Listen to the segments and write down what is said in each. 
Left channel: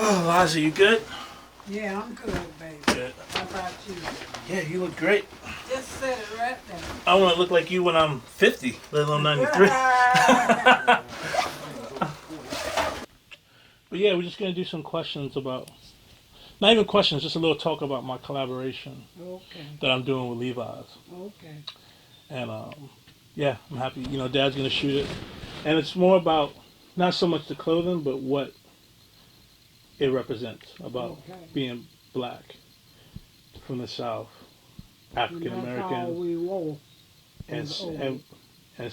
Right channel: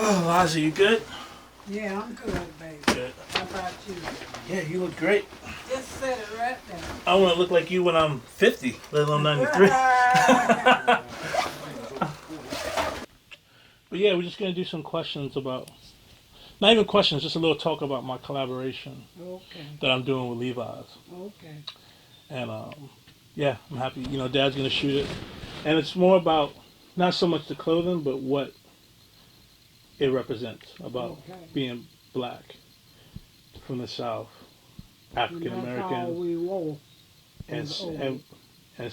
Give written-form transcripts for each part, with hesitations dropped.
Oh, Eliza, you good? Yeah, I'm good, baby. Good. How about you? Yeah, you look great. Just set it right there. I want to look like you when I'm 50, let alone 93. But yeah, we're just going to do some questions about, not even questions, just a little talk about my collaboration Okay. that I'm doing with Levi's. Okay. And yeah, I'm happy. You know, Dad's going to shoot it. And it's more about not so much the clothing, but what it represents about being black from the South, African That's all American, we wore. and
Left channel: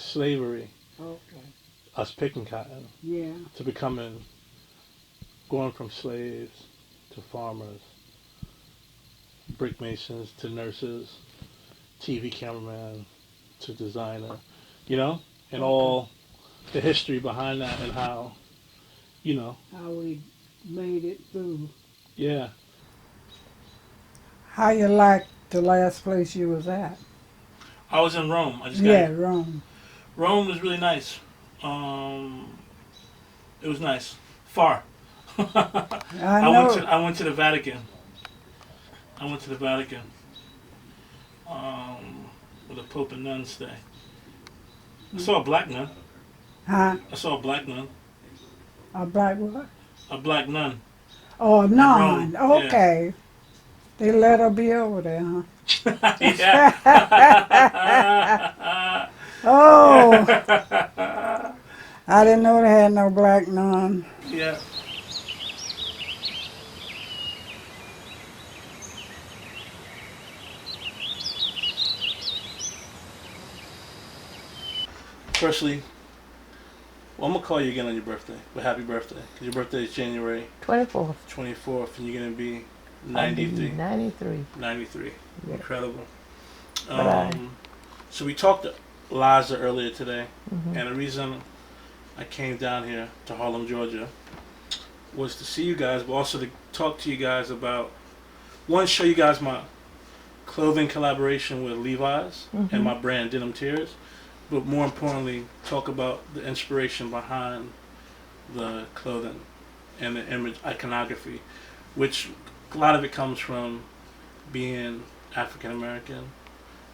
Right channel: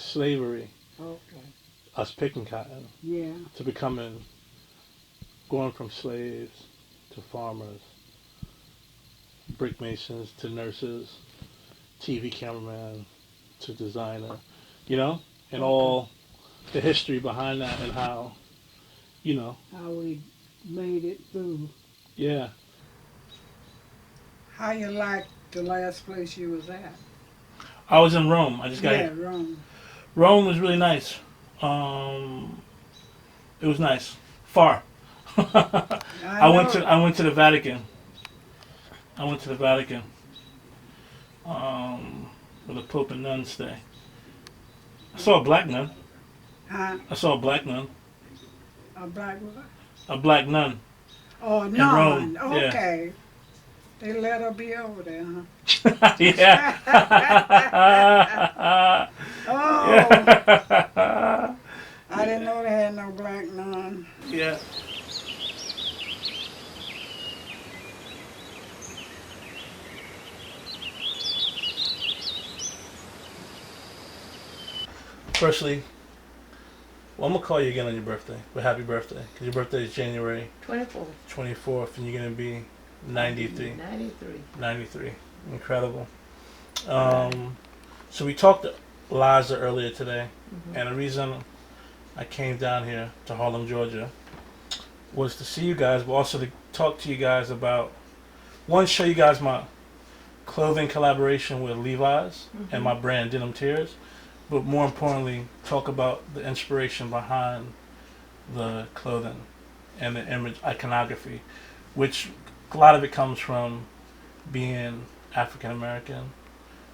slavery, Okay. us picking cotton, Yeah. to going from slaves to farmers, brick masons to nurses, TV cameraman to designer, you know, and all the history behind that and how, you know. How we made it through. Yeah. How you like the last place you was at? I was in Rome. I just got Rome. Rome was really nice. It was nice. Far. I went to the Vatican. Where the Pope and nuns stay. I saw a black nun. Huh? I saw a black nun. A black what? A black nun. Oh, a nun. Rome. Okay. Yeah. They let her be over there, huh? Yeah. Oh. I didn't know they had no black nun. Yeah. Firstly, well, I'm going to call you again on your birthday, but happy birthday. Because your birthday is January 24th, and you're going to be 93. 93. Incredible. So we talked to Eliza earlier today, and the reason I came down here to Harlem, Georgia, was to see you guys, but also to talk to you guys about, one, show you guys my clothing collaboration with Levi's and my brand Denim Tears, but more importantly, talk about the inspiration behind the clothing and the image iconography, which a lot of it comes from being African American,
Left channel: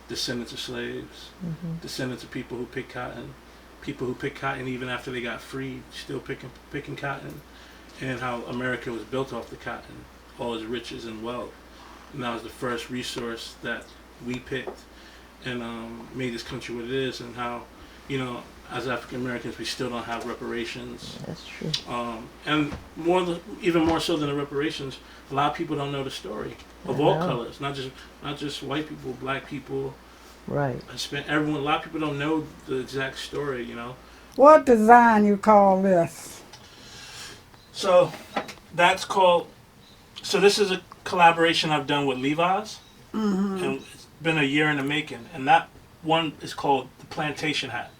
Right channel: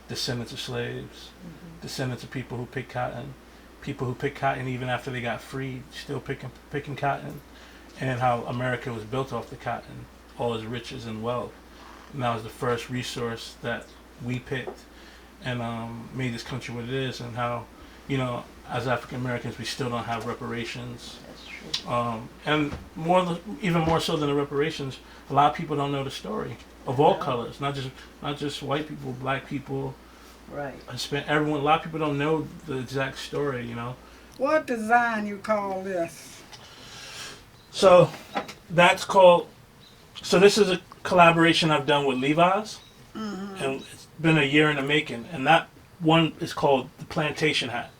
descendants of slaves, descendants of people who pick cotton even after they got freed, still picking cotton, and how America was built off the cotton, all its riches and wealth. And that was the first resource that we picked and made this country what it is, and how, you know, as African Americans, we still don't have reparations. That's true. And even more so than the reparations, a lot of people don't know the story of all colors, not just white people, black people, right? Everyone. A lot of people don't know the exact story, you know. What design you call this? So that's called. So this is a collaboration I've done with Levi's, and it's been a year in the making. And that one is called the plantation hat.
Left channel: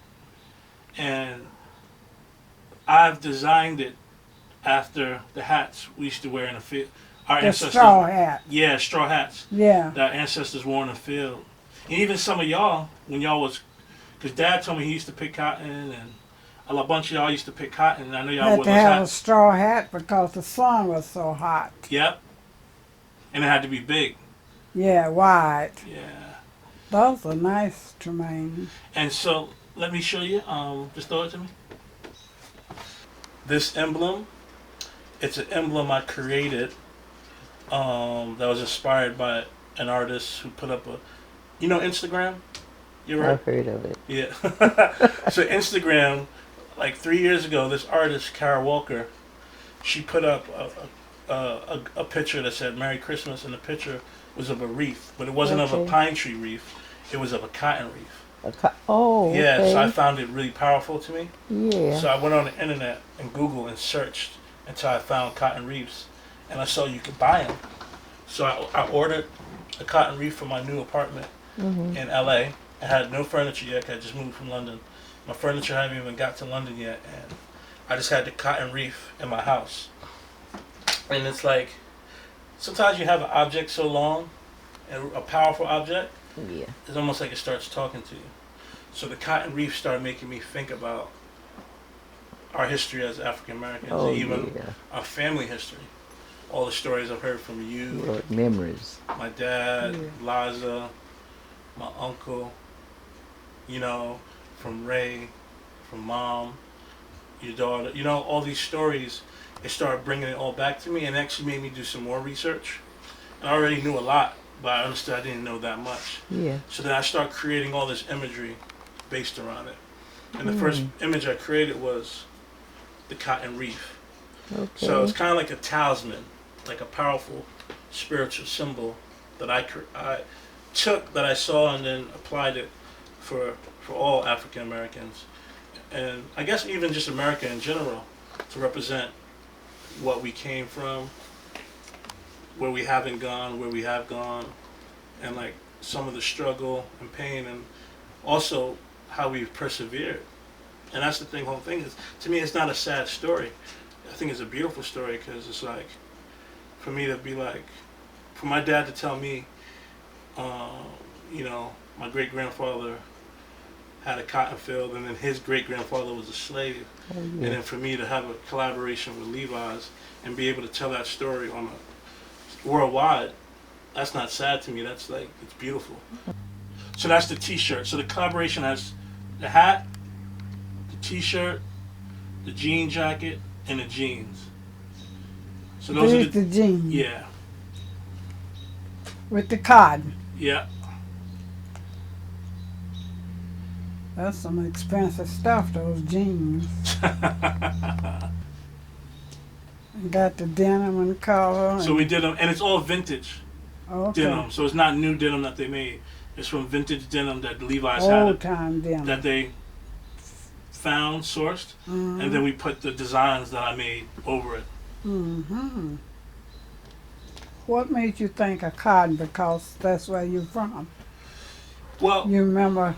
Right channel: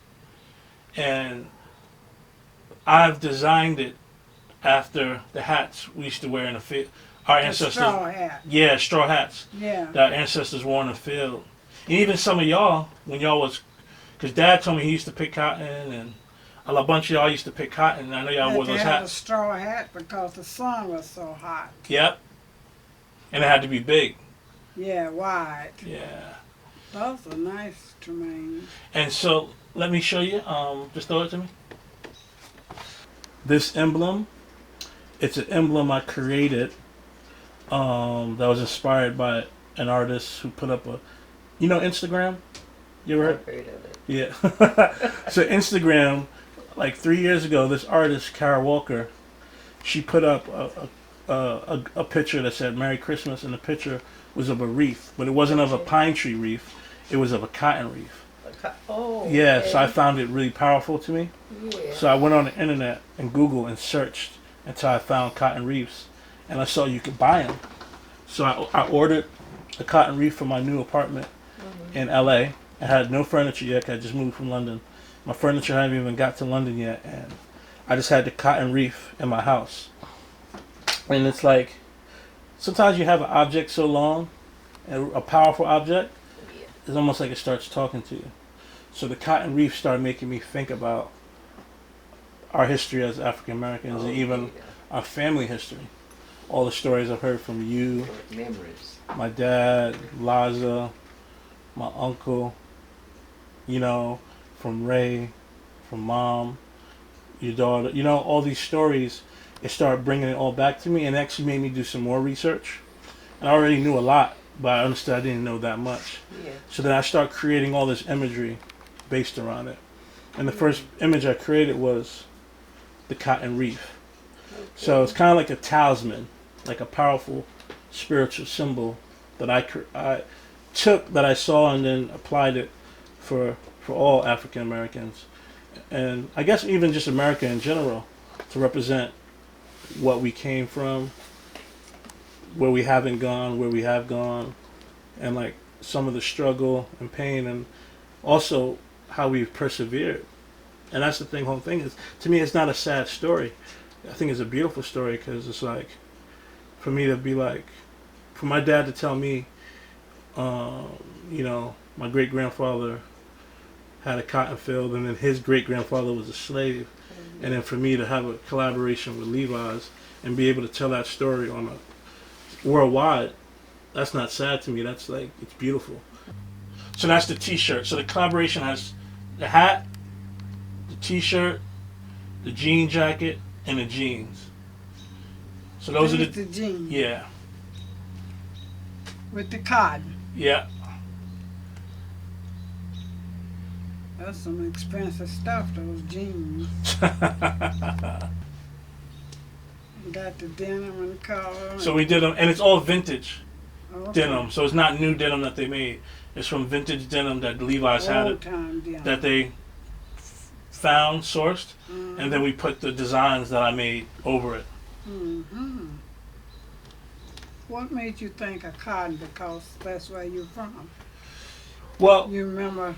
And I've designed it after the hats we used to wear in the field. Our ancestors, straw hat. Yeah, straw hats. Yeah. That our ancestors wore in the field. And even some of y'all, when y'all was, because Dad told me he used to pick cotton, and a bunch of y'all used to pick cotton. And I know y'all wore those hats. Had to have a straw hat because the sun was so hot. Yep. And it had to be big. Yeah, wide. Yeah. Those are nice, Tremaine. And so, let me show you. Just throw it to me. This emblem, it's an emblem I created that was inspired by an artist who put up you know Instagram? You ever I've heard of it. Yeah. So Instagram, like 3 years ago, this artist, Kara Walker, she put up a picture that said Merry Christmas, and the picture was of a wreath, but it wasn't of a pine tree wreath, it was of a cotton wreath. Yeah, okay. So I found it really powerful to me. Yeah. So I went on the internet and Google and searched until I found cotton wreaths, and I saw you could buy them. So I ordered a cotton wreath for my new apartment in LA. I had no furniture yet, 'cause I just moved from London. My furniture hadn't even got to London yet, and I just had the cotton wreath in my house. And it's like, sometimes you have an object so long, a powerful object, it's almost like it starts talking to you. So the cotton wreath started making me think about our history as African Americans, and even our family history. all the stories I've heard from you, What memories. my dad, Eliza, my uncle, you know, from Ray, from mom, your daughter, you know, all these stories. It started bringing it all back to me and actually made me do some more research. And I already knew a lot, but I understood I didn't know that much. Yeah. So then I started creating all this imagery based around it. And the first image I created was the cotton reef. Okay. So it's kind of like a talisman, like a powerful spiritual symbol that I took, that I saw, and then applied it for all African Americans, and I guess even just America in general, to represent what we came from, where we haven't gone, where we have gone, and like some of the struggle and pain, and also how we've persevered. And that's the whole thing is, to me, it's not a sad story. I think it's a beautiful story, because it's like, for me to be like, for my dad to tell me, you know, my great grandfather had a cotton field, and then his great grandfather was a slave, and then for me to have a collaboration with Levi's and be able to tell that story on a worldwide, that's not sad to me. That's like, it's beautiful. So that's the T-shirt. So the collaboration has the hat, the T-shirt, the jean jacket, and the jeans. So those There's are the jeans. Yeah. With the cotton. Yeah. That's some expensive stuff, those jeans. Got the denim and color. So we did them, and it's all vintage Okay. denim. So it's not new denim that they made. It's from vintage denim that Levi's had, Old time denim. that they found, sourced, and then we put the designs that I made over it. Mm-hmm. What made you think of cotton? Because that's where you're from. Well, You remember?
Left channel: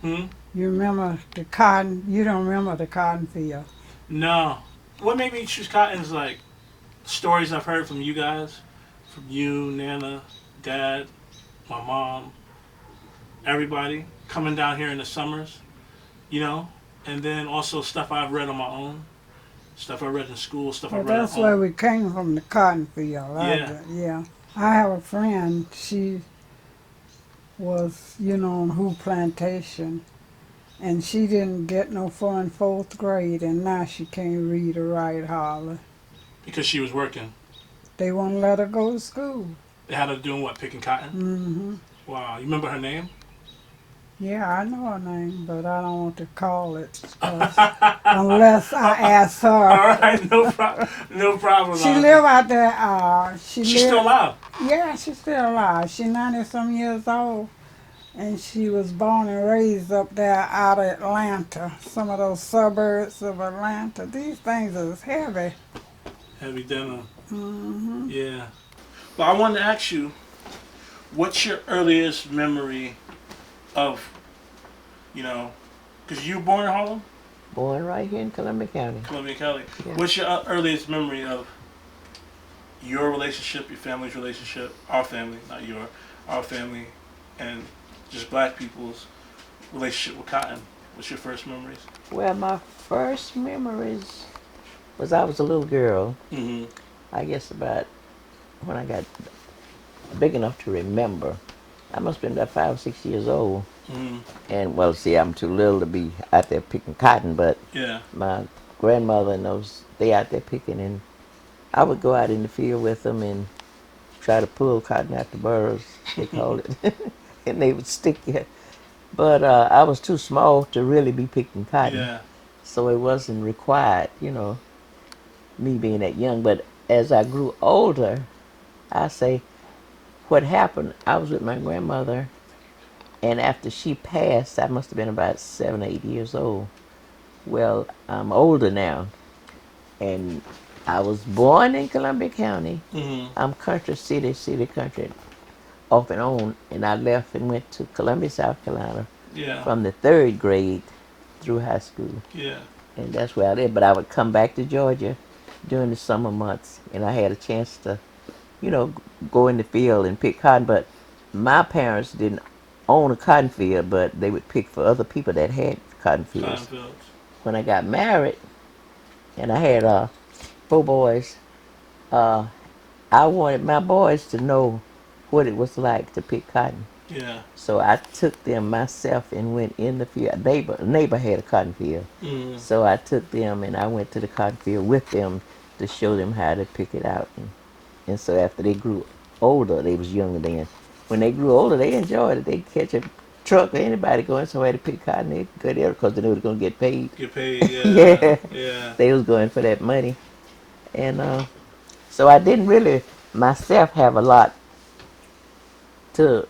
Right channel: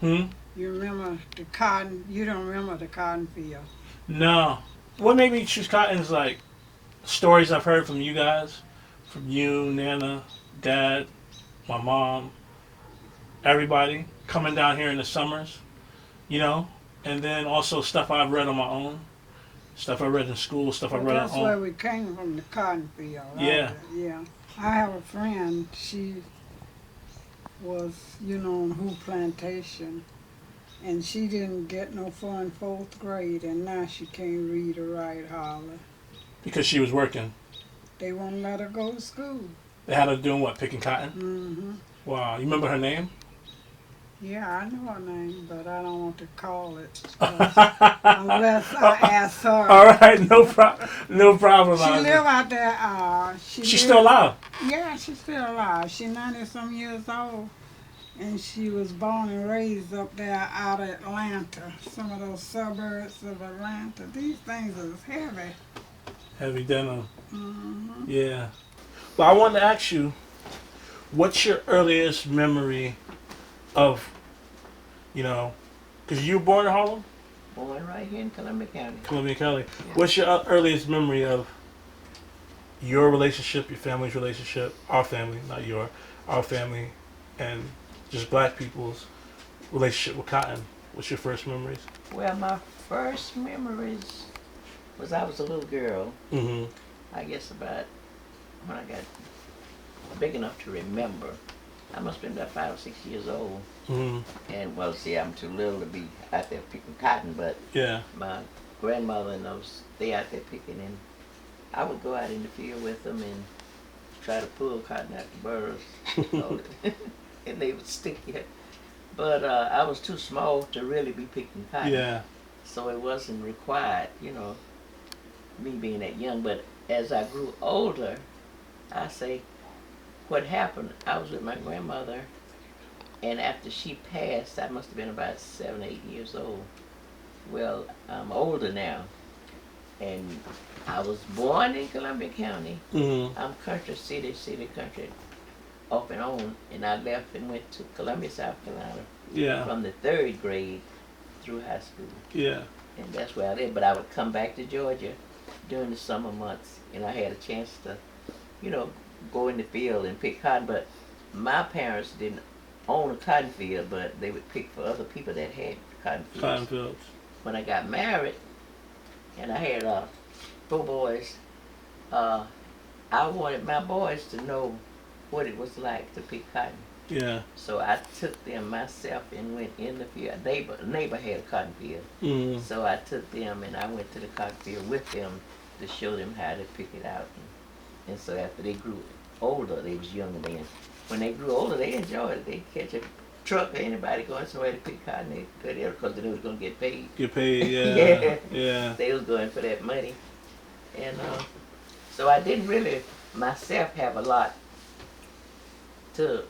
hmm? You remember the cotton? You don't remember the cotton field? No. What made me choose cotton is like stories I've heard from you guys, from you, Nana, Dad, my mom, everybody coming down here in the summers, you know, and then also stuff I've read on my own, stuff I read in school, stuff I Well, read at that's where home. we came from, the cotton field. Right? Yeah. Yeah. I have a friend. She was, you know, on Who Plantation, and she didn't get no fun in 4th grade, and now she can't read or write hardly. Because she was working. They won't let her go to school. They had her doing what, picking cotton? Mm-hmm. Wow. You remember her name? Yeah, I know her name, but I don't want to call it unless I ask her. All right, no problem. No problem. She live out there. She's still alive. Yeah, she's still alive. She's 90-some years old, and she was born and raised up there out of Atlanta, some of those suburbs of Atlanta. These things is heavy. Heavy denim. Mm-hmm. Yeah. But I wanted to ask you, what's your earliest memory of, you know, because you were born in Harlem? Born right here in Columbia County. Columbia County. Yeah. What's your earliest memory of your relationship, your family's relationship, our family, not your, our family, and just black people's relationship with cotton? What's your first memories? Well, my first memories was I was a little girl. Mm-hmm. I guess about when I got big enough to remember. I must have been about 5 or 6 years old. Mm-hmm. And, well, see, I'm too little to be out there picking cotton, but Yeah. my grandmother and those, they out there picking, and I would go out in the field with them and try to pull cotton out the burrs, they called it, and they would stick it. But I was too small to really be picking cotton, Yeah. so it wasn't required, you know, me being that young. But as I grew older, I say, what happened, I was with my grandmother, and after she passed, I must have been about 7 or 8 years old. Well, I'm older now, and I was born in Columbia County. Mm-hmm. I'm city country, off and on, and I left and went to Columbia, South Carolina Yeah. from the 3rd grade through high school, Yeah. and that's where I lived. But I would come back to Georgia during the summer months, and I had a chance to, you know, go in the field and pick cotton. But my parents didn't own a cotton field, but they would pick for other people that had cotton fields. Cotton fields. When I got married, and I had 4 boys, I wanted my boys to know what it was like to pick cotton. Yeah. So I took them myself and went in the field. A neighbor had a cotton field. So I took them and I went to the cotton field with them to show them how to pick it out. And so after they grew older, they was younger then. When they grew older, they enjoyed it. They catch a truck or anybody going somewhere to pick cotton, they go there because they knew they were going to get paid. Get paid, yeah. Yeah. Yeah. They was going for that money. And so I didn't really myself have a lot to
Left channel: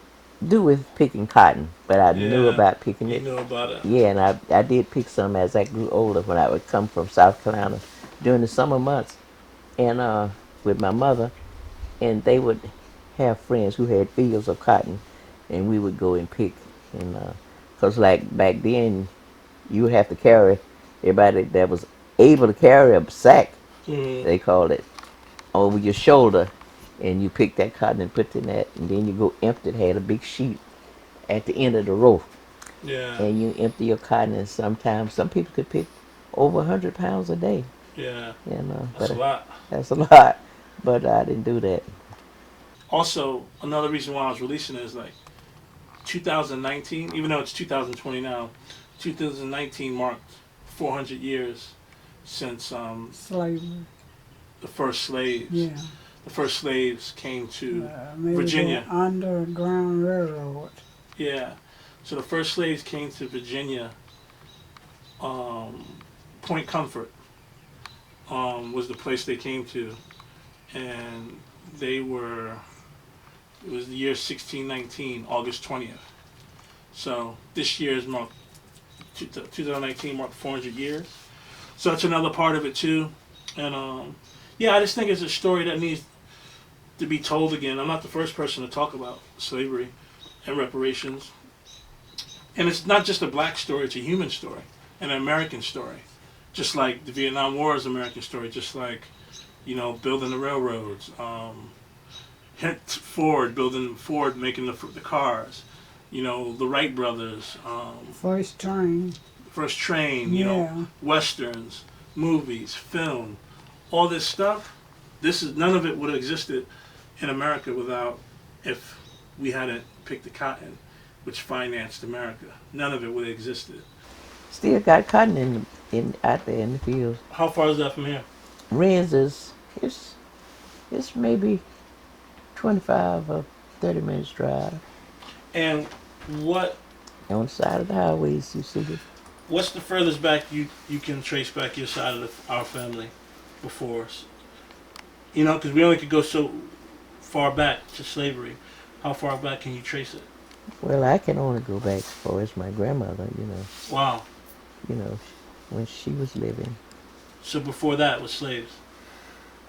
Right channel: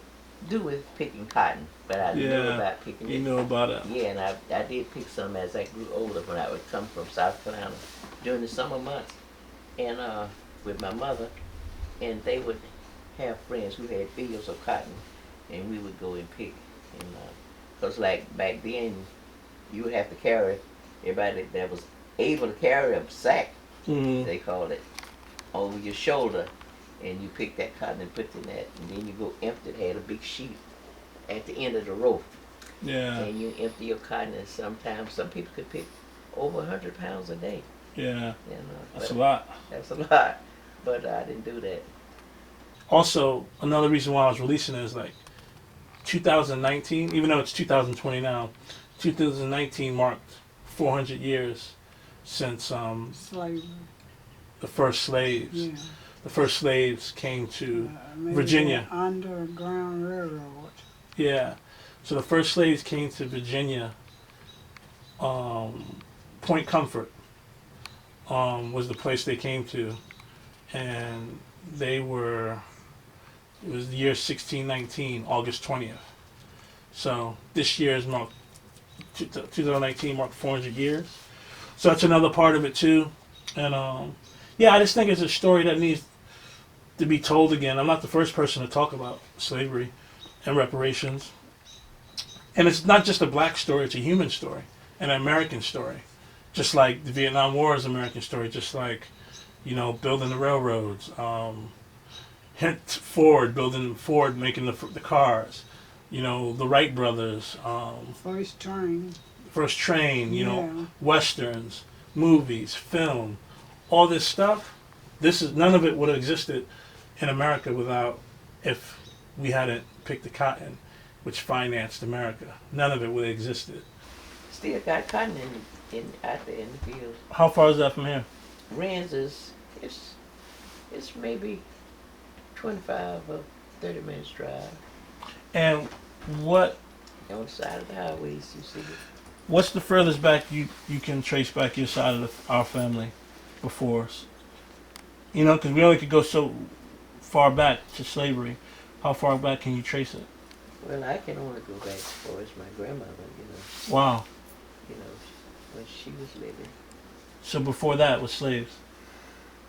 do with picking cotton, but I knew about picking it. You knew about it. Yeah, and I did pick some as I grew older when I would come from South Carolina during the summer months and with my mother, and they would have friends who had fields of cotton, and we would go and pick. And because like back then, you would have to carry, everybody that was able to carry a sack, they called it, over your shoulder, and you pick that cotton and put it in that, and then you go empty. It had a big sheet at the end of the row. Yeah. And you empty your cotton, and sometimes some people could pick over 100 pounds a day. Yeah. That's a lot. That's a lot, but I didn't do that. Also, another reason why I was releasing it is like 2019, even though it's 2020 now, 2019 marked 400 years since Slavery. the first slaves. Yeah. The first slaves came to Maybe Virginia. the Underground Railroad. Yeah. So the first slaves came to Virginia. Point Comfort was the place they came to, and it was the year 1619, August 20th. So this year is marked, 2019 marked 400 years. So that's another part of it too. And I just think it's a story that needs to be told again. I'm not the first person to talk about slavery and reparations. And it's not just a black story, it's a human story, an American story. Just like the Vietnam War is an American story, just like, building the railroads, Ford making the cars, the Wright brothers, first train, westerns, movies, film, all this stuff. None of it would have existed in America if we hadn't picked the cotton, which financed America. None of it would have existed. Still got cotton out there in the fields. How far is that from here? Ren's it's maybe 25 or 30 minutes drive. And what? On the side of the highways, you see it. What's the furthest back you can trace back your side of our family before us? Because we only could go so far back to slavery. How far back can you trace it? Well, I can only go back as far as my grandmother, Wow. When she was living. So before that was slaves?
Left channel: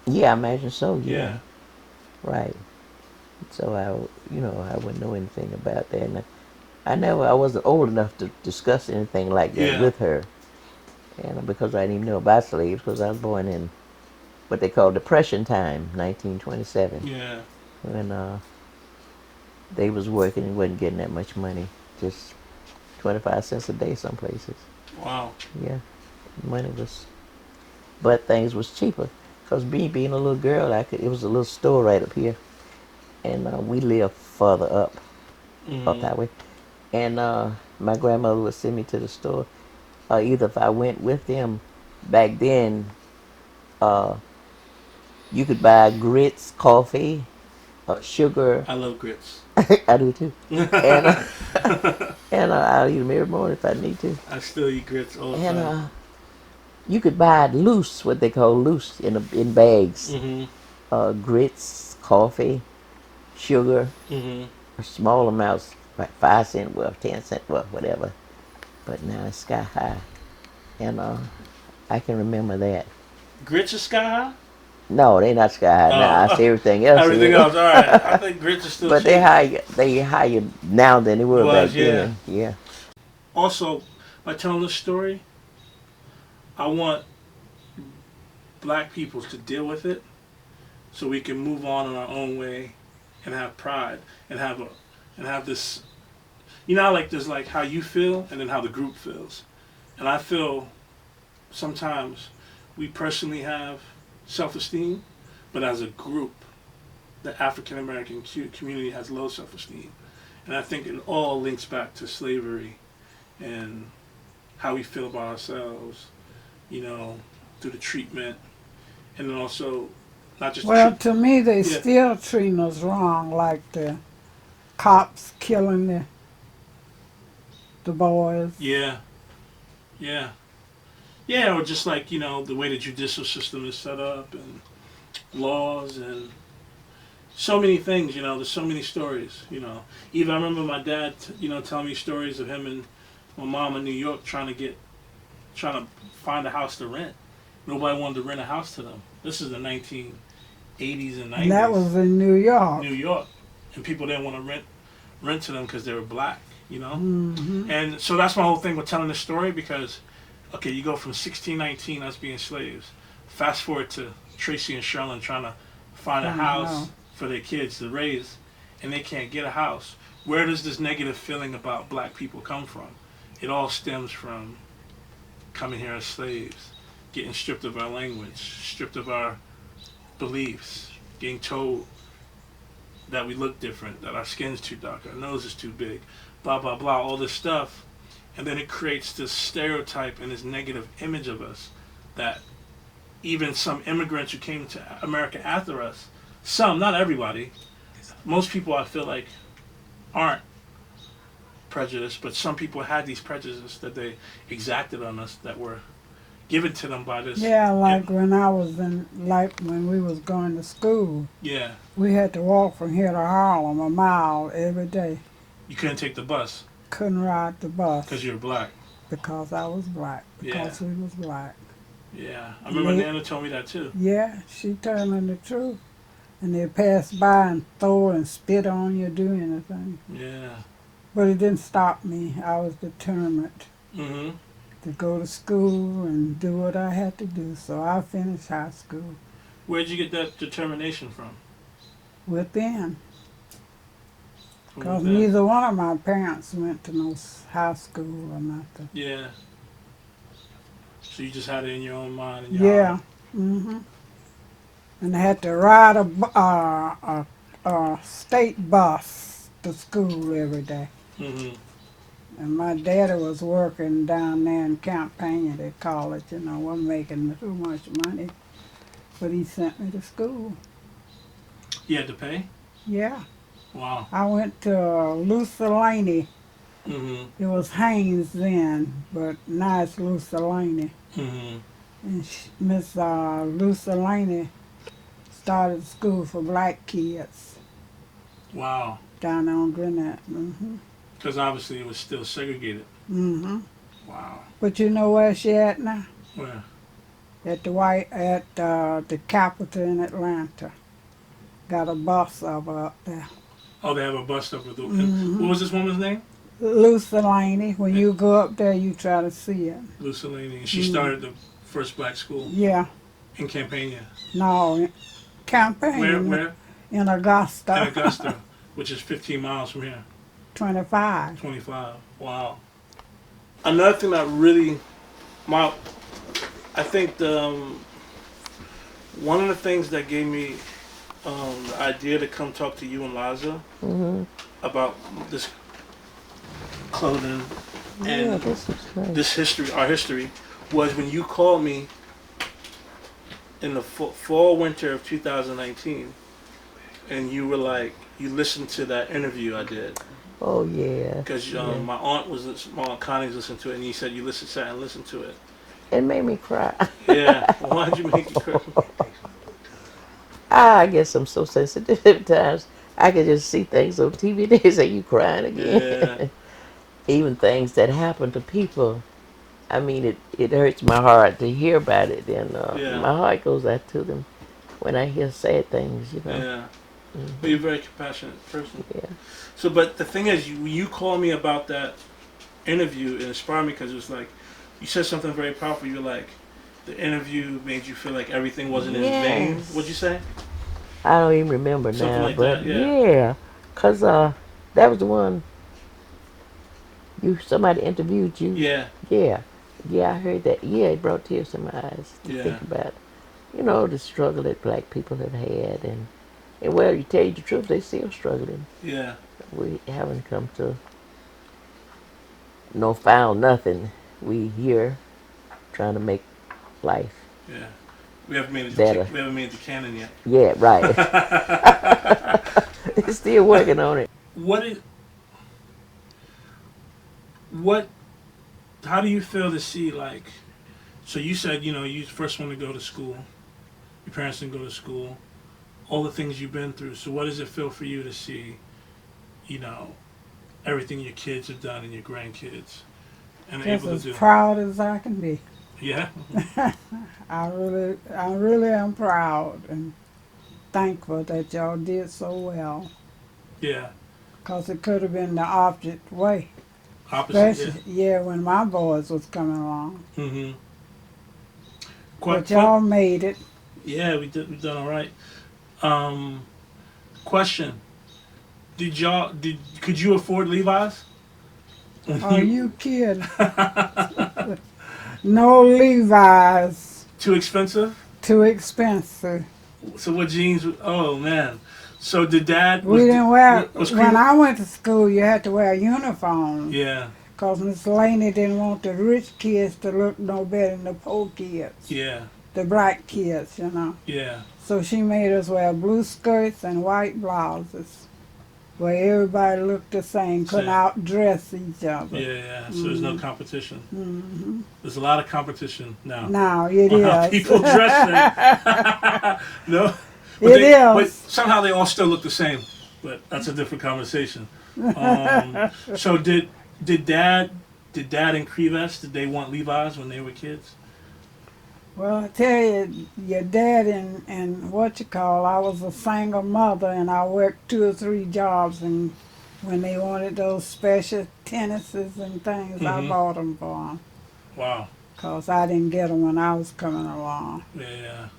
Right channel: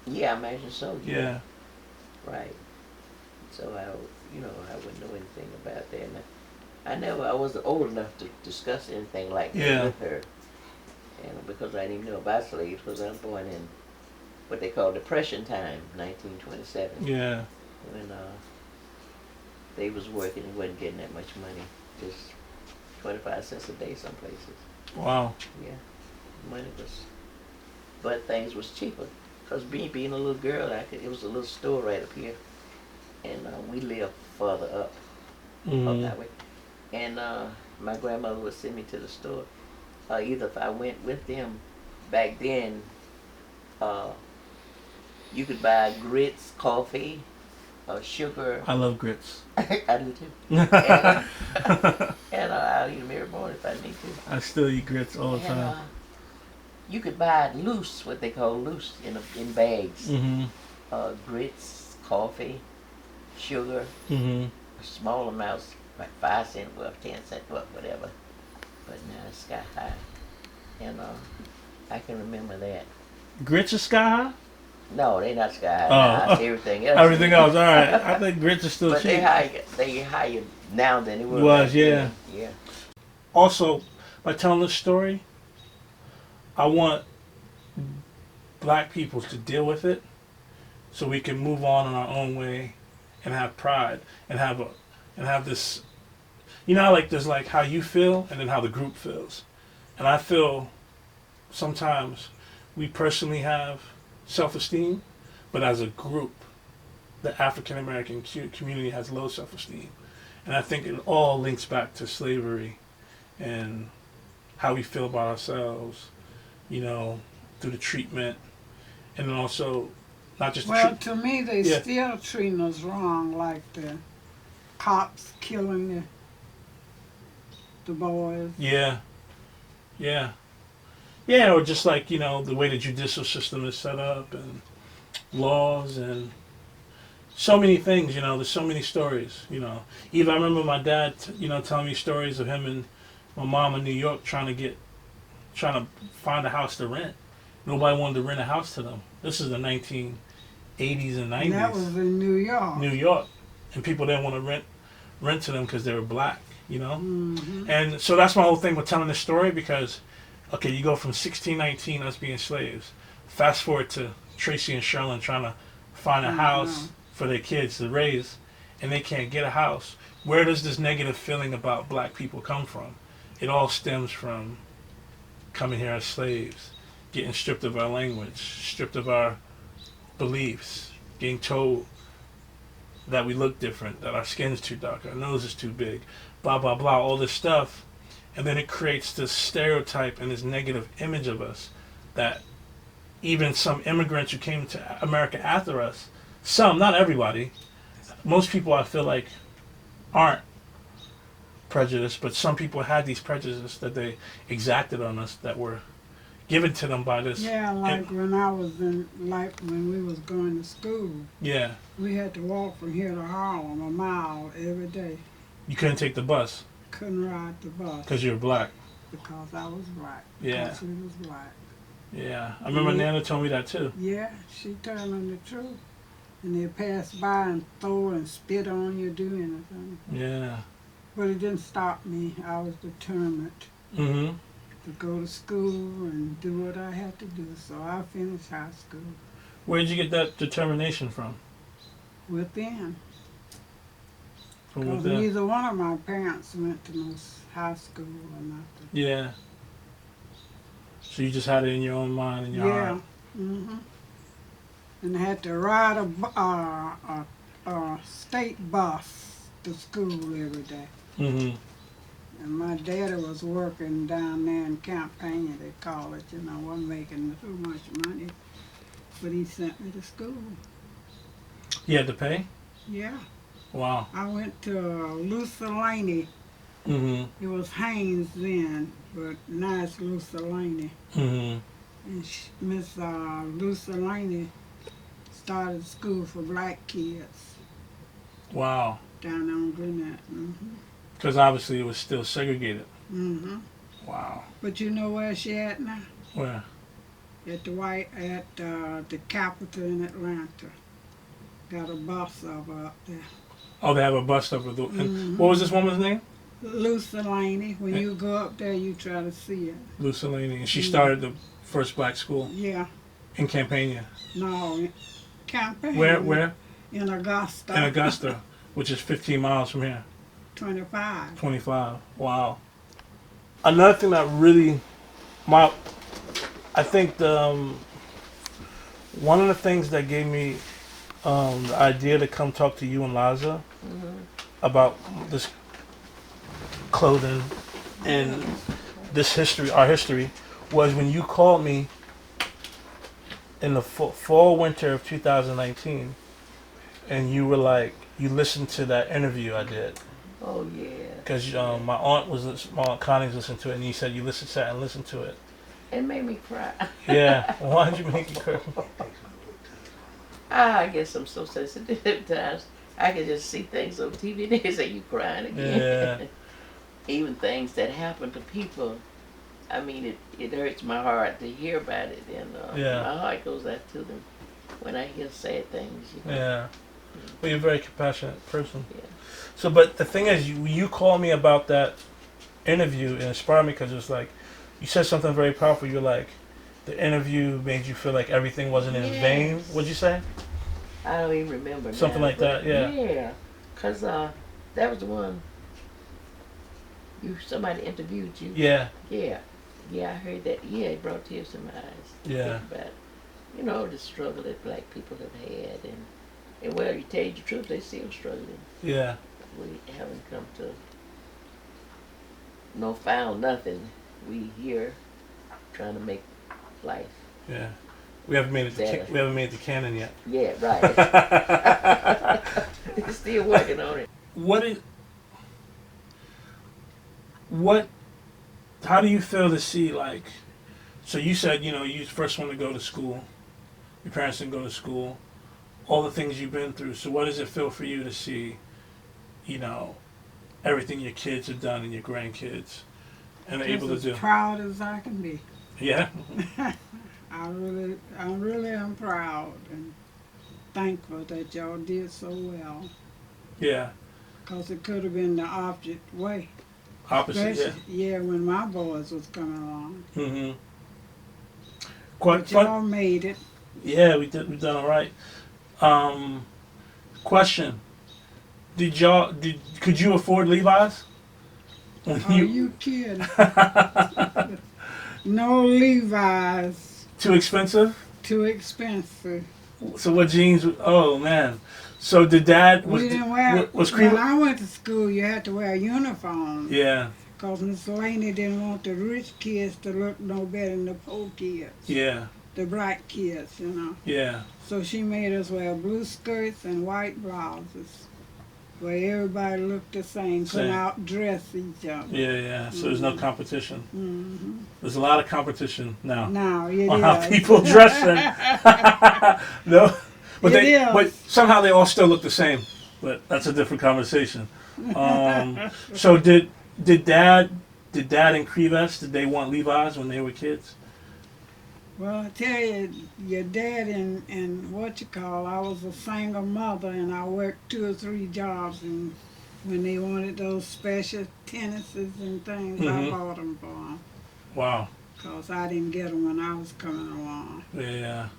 Yeah, I imagine so, Yeah. Right. So I wouldn't know anything about that. And I wasn't old enough to discuss anything like that with her. And because I didn't even know about slaves, because I was born in what they call Depression time, 1927. Yeah. When they was working and wasn't getting that much money, just 25 cents a day some places. Wow. Yeah, money was, but things was cheaper. Cause me being a little girl, it was a little store right up here, and we lived further up that way. And my grandmother would send me to the store, either if I went with them. Back then, you could buy grits, coffee, sugar. I love grits. I do too. And I'll eat them every morning if I need to. I still eat grits all the time. You could buy it loose, what they call loose, in bags. Grits, coffee, sugar, small amounts, like 5 cents worth, 10 cents worth, whatever. But now it's sky high. And I can remember that. Grits are sky high? No, they not sky high now. I see everything else. Everything else, all right. I think grits are still but cheap. they higher now than they were back then. Yeah. Also, by telling this story, I want black people to deal with it so we can move on in our own way and have pride and have this, like there's like how you feel and then how the group feels. And I feel sometimes we personally have self-esteem, but as a group the African American community has low self-esteem, and I think it all links back to slavery and how we feel about ourselves, through the treatment, and then also not just Well, to me, they Yeah. still treating us wrong, like the cops killing the boys. Yeah, yeah, yeah, or just like the way the judicial system is set up and laws and so many things. There's so many stories. Even I remember my dad, telling me stories of him and my mom in New York trying to find a house to rent. Nobody wanted to rent a house to them. This is the 1980s and 90s. And that was in New York. New York, and people didn't want to rent to them because they were black. Mm-hmm. And so that's my whole thing with telling this story, because okay, you go from 1619 us being slaves, fast forward to Tracy and Sherlin trying to find a house for their kids to raise, and they can't get a house. Where does this negative feeling about black people come from? It all stems from coming here as slaves, getting stripped of our language, stripped of our beliefs, getting told that we look different, that our skin's too dark, our nose is too big, blah, blah, blah, all this stuff. And then it creates this stereotype and this negative image of us that even some immigrants who came to America after us, some, not everybody, most people I feel like aren't prejudiced, but some people had these prejudices that they exacted on us that were given to them by this. Yeah, like when we was going to school. Yeah. We had to walk from here to Harlem a mile every day. You couldn't take the bus. Couldn't ride the bus. Because you were black. Because I was black. Yeah. Because we was black. Yeah. I remember Nana told me that too. Yeah, she telling the truth. And they pass by and throw and spit on you, do anything. Yeah. But it didn't stop me. I was determined Mm-hmm. to go to school and do what I had to do. So I finished high school. Where did you get that determination from? Within. From Because within? neither one of my parents went to no high school or nothing. Yeah. So you just had it in your own mind and your heart. Mm-hmm. And I had to ride a state bus to school every day. Mm-hmm. And my daddy was working down there in Campania, they call it, wasn't making too much money. But he sent me to school. You had to pay? Yeah. Wow. I went to Lucelani. Mm-hmm. It was Haynes then, but now it's Lucelani. Mm-hmm. And Miss Lucelani started school for black kids Wow. down on Gwinnett. Mm-hmm. Because obviously it was still segregated. Mm-hmm. Wow. But you know where she at now? Where? At the Capitol in Atlanta. Got a bus of her up there. Oh, they have a bus stop with the. Mm-hmm. What was this woman's name? Lucelani. When you go up there, you try to see it. Lucelani. And she started the first black school Yeah. in Campania. No, Campania. Where? In Augusta. In Augusta, which is 15 miles from here. 25. 25. Wow. Another thing that really, I think one of the things that gave me the idea to come talk to you and Liza about this clothing and this history, our history, was when you called me in the fall winter of 2019, and you were like, you listened to that interview I did. Oh yeah. Because my aunt Connie was listening to it, and you said you sat and listened to it. It made me cry. Yeah. Why'd you make you cry? I guess I'm so sensitive at times. I can just see things on TV. They say you crying again. Yeah. Even things that happen to people. I mean, it hurts my heart to hear about it, and my heart goes out to them when I hear sad things. Yeah. But you're a very compassionate person. Yeah. So, but the thing is, you called me about that interview, it inspired me because it was like, you said something very powerful. You're like, the interview made you feel like everything wasn't in vain. What'd you say? I don't even remember something now, like but that. Yeah. Yeah, cause that was the one. Somebody interviewed you. Yeah. Yeah, I heard that. Yeah, it brought tears to my eyes to think about, the struggle that black people have had, And well, you tell you the truth, they still struggling. Yeah. We haven't come to no found nothing. We here trying to make life Yeah. We haven't made it. better. We haven't made the canon yet. Yeah, right. They're still working on it. What? How do you feel to see like? So you said you first want to go to school. Your parents didn't go to school. All the things you've been through. So what does it feel for you to see? Everything your kids have done and your grandkids, and they're able to Just do. as proud as I can be. Yeah. I really am proud and thankful that y'all did so well. Yeah. Because it could have been the opposite way. Opposite. Especially, yeah, when my boys was coming along. Mm-hmm. But y'all made it. Yeah, we did. We done all right. Question: Could you afford Levi's? Are you kidding? No Levi's. Too expensive? Too expensive. So what jeans? Oh man. So did Dad? We didn't wear. When I I went to school, you had to wear a uniform. Yeah. Because Miss Laney didn't want the rich kids to look no better than the poor kids. Yeah. The bright kids, Yeah. So she made us wear blue skirts and white blouses, where everybody looked the same, couldn't outdress each other. Yeah. So there's no competition. Mm-hmm. There's a lot of competition now. Now it on is. how people dress. No. But somehow they all still look the same. But that's a different conversation. So did Dad and Creves, did they want Levi's when they were kids? Well, I tell you, your dad and I was a single mother, and I worked 2 or 3 jobs, and when they wanted those special tennises and things, I bought them for them. Wow. Because I didn't get them when I was coming along. Yeah.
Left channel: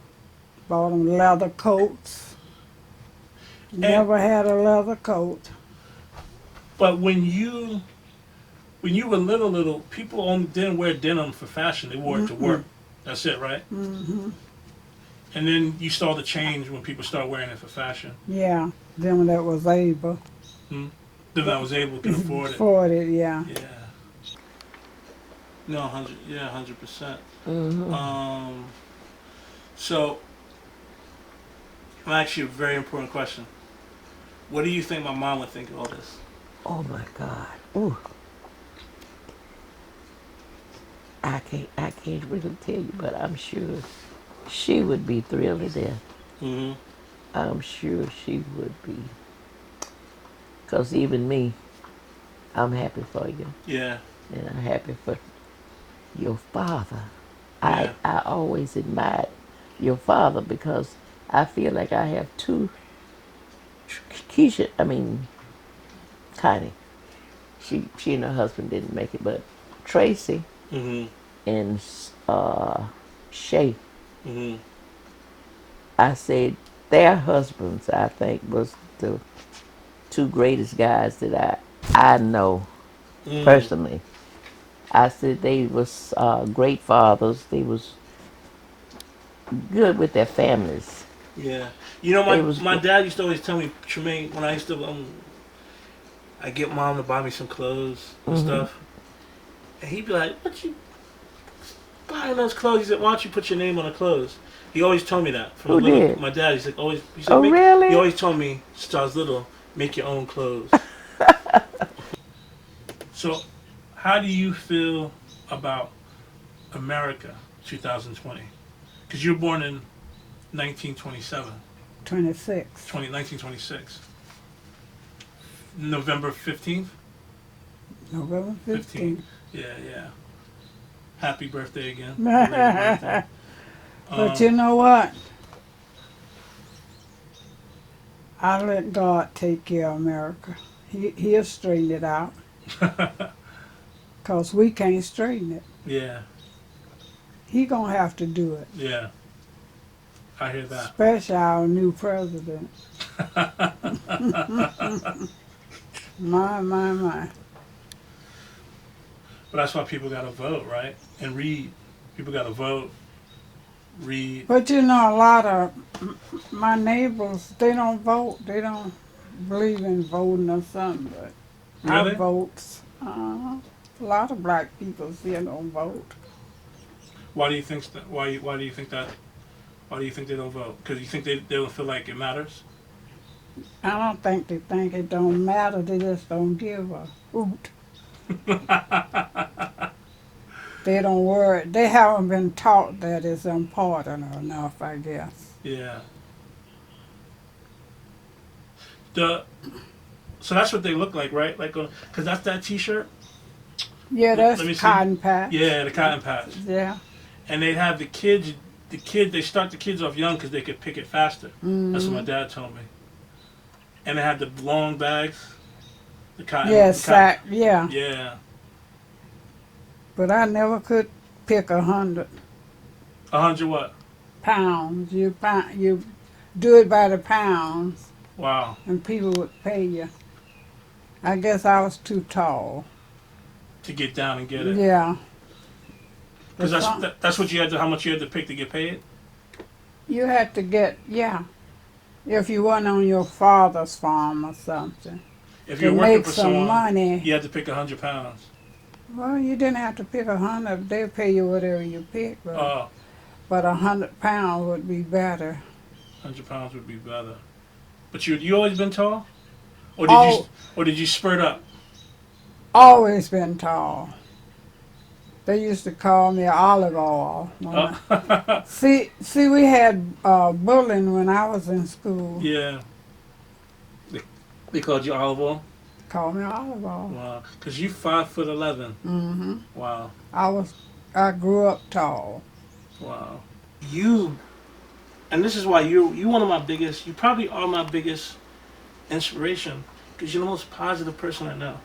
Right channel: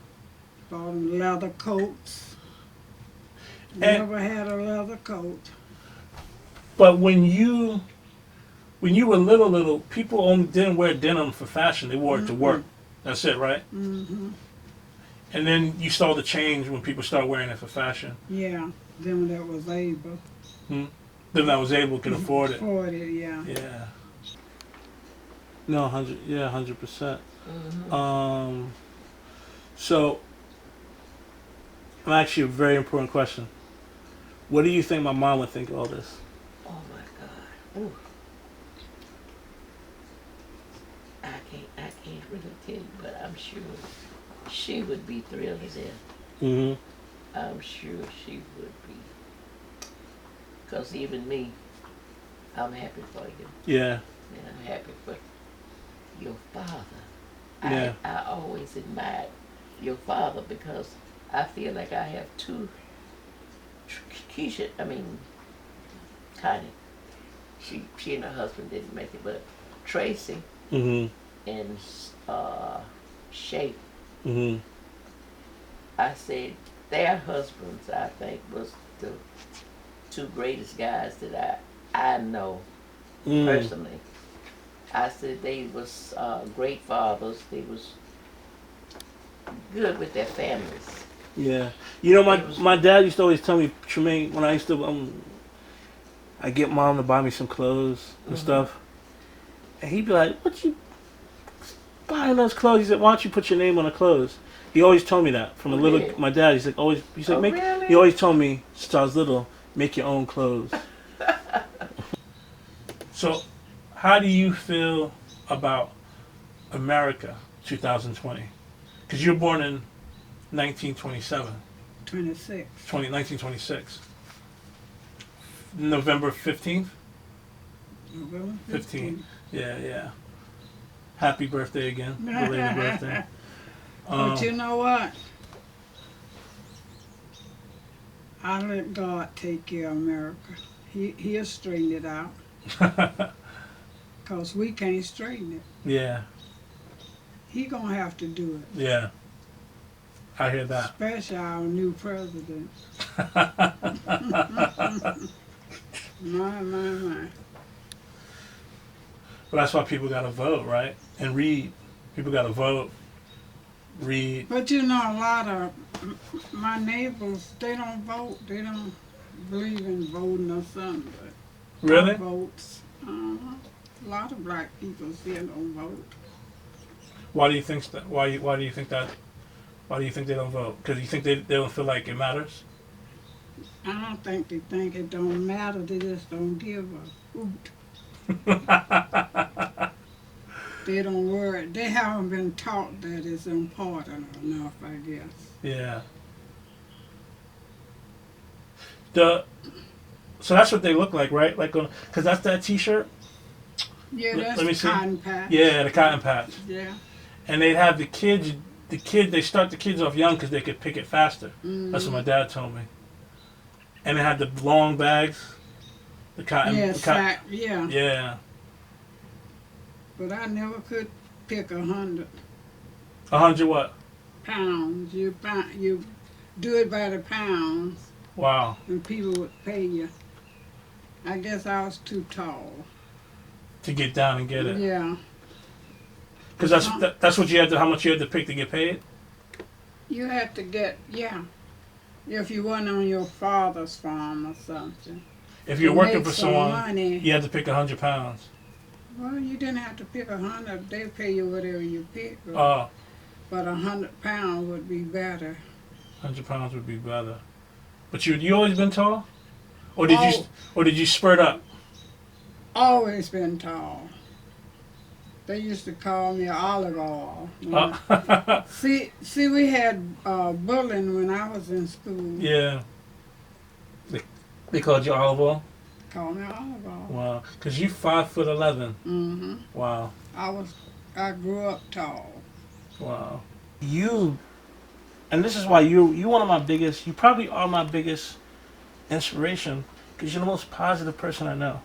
Bought them leather coats. Never had a leather coat. But when you were little, people only didn't wear denim for fashion. They wore it to work. That's it, right? Mm-hmm. And then you saw the change when people started wearing it for fashion. Yeah, them that was able. Them that was able could afford it. Afford it, yeah. Yeah. No, 100%. Mm-hmm. So, actually a very important question. What do you think my mom would think of all this? Oh my God. Ooh. I can't really tell you, but I'm sure she would be thrilled to death. Mm-hmm. I'm sure she would be. Because even me, I'm happy for you. Yeah. And I'm happy for your father. Yeah. I always admired your father because I feel like I have 2 Connie. She and her husband didn't make it, but Tracy and Shay. I said their husbands, I think, was the 2 greatest guys that I know personally. I said they was great fathers. They was good with their families. Yeah. My dad used to always tell me, Tremaine, when I used to I get Mom to buy me some clothes and stuff. And he'd be like, "What you buying those clothes?" He said, "Why don't you put your name on the clothes?" He always told me that from my dad. He's like, Really? He always told me since I was little, make your own clothes. So, how do you feel about America 2020? Because you were born in 1927. 1926. November 15th? November 15th. Yeah. Happy birthday again. Belated birthday. But you know what? I let God take care of America. He'll straighten it out. Because we can't straighten it. Yeah. He gonna have to do it. Yeah. I hear that. Especially our new president. My. But that's why people gotta vote, right? And read. People gotta vote. read. But you know, a lot of my neighbors, they don't vote. They don't believe in voting or something. But Really? I votes. A lot of black people still don't vote. Why do you think that? Why do you think that? Why do you think they don't vote? Because you think they don't feel like it matters? I don't think they think it don't matter. They just don't give a hoot. They don't worry. They haven't been taught that it's important enough, I guess. Yeah. So that's what they look like, right? Like, because that's that T-shirt. Yeah, Let me that's see. cotton patch. Yeah, the cotton patch. Yeah. And they'd have the kids. They start the kids off young because they could pick it faster. That's what my dad told me. And they had the long bags. The cotton. Yeah, the sack. Yeah. Yeah. But I never could pick 100 100 what? pounds. You do it by the pounds, Wow. and people would pay you. I guess I was too tall. To get down and get it. Yeah. Because that's what you had to. How much you had to pick to get paid? You had to get, yeah. If you weren't on your father's farm or something. If To you're working make for some someone, money. you had to pick 100 pounds. Well, you didn't have to pick 100. They pay you whatever you pick. Oh, But 100 pounds would be better. 100 pounds would be better. But you always been tall, or did you spurt up? Always been tall. They used to call me olive oil. See, we had bullying when I was in school. Yeah. They called you olive oil? Called me olive oil. Wow. Because you 5'11". Mm-hmm. Wow. I grew up tall. Wow. And this is why you one of my biggest, you probably are my biggest inspiration, because you're the most positive person I know.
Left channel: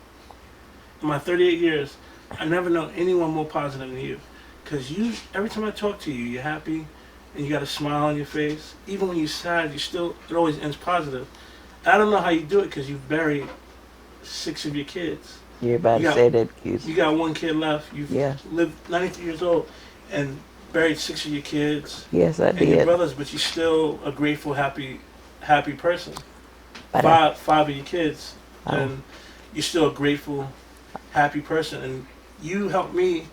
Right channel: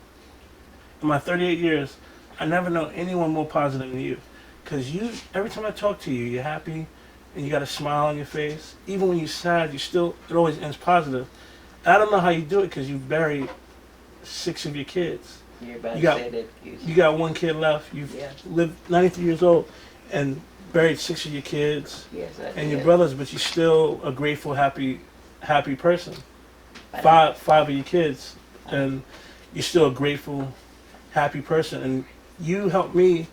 In my 38 years, I never know anyone more positive than you. Because every time I talk to you, you're happy, and you got a smile on your face. Even when you're sad, it always ends positive. I don't know how you do it, because you've buried 6 of your kids. You're about to say that. You got 1 kid left. You've lived 93 years old, and buried 6 of your kids. Yes, I did. And your brothers, but you're still a grateful, happy person. But 5 of your kids, and you're still a grateful, happy person. And you helped me.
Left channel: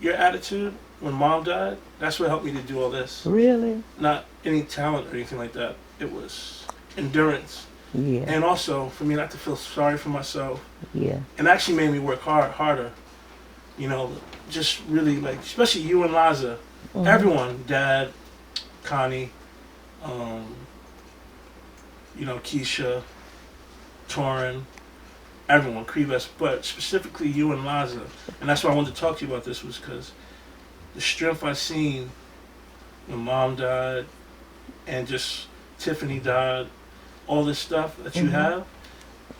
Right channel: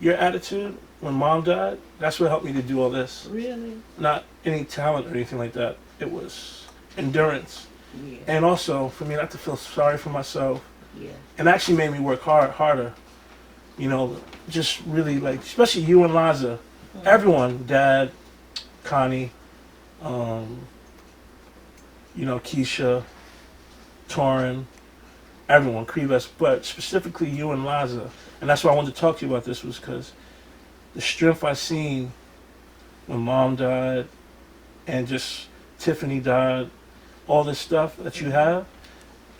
Your attitude when Mom died, that's what helped me to do all this. Really? Not any talent or anything like that. It was endurance. Yeah. And also for me not to feel sorry for myself. Yeah. And actually made me work harder. You know, just really like, especially you and Liza, everyone, Dad, Connie, Keisha, Torin, everyone, Krivas, but specifically you and Liza. And that's why I wanted to talk to you about this, was because the strength I seen when Mom died and just Tiffany died, all this stuff that you have,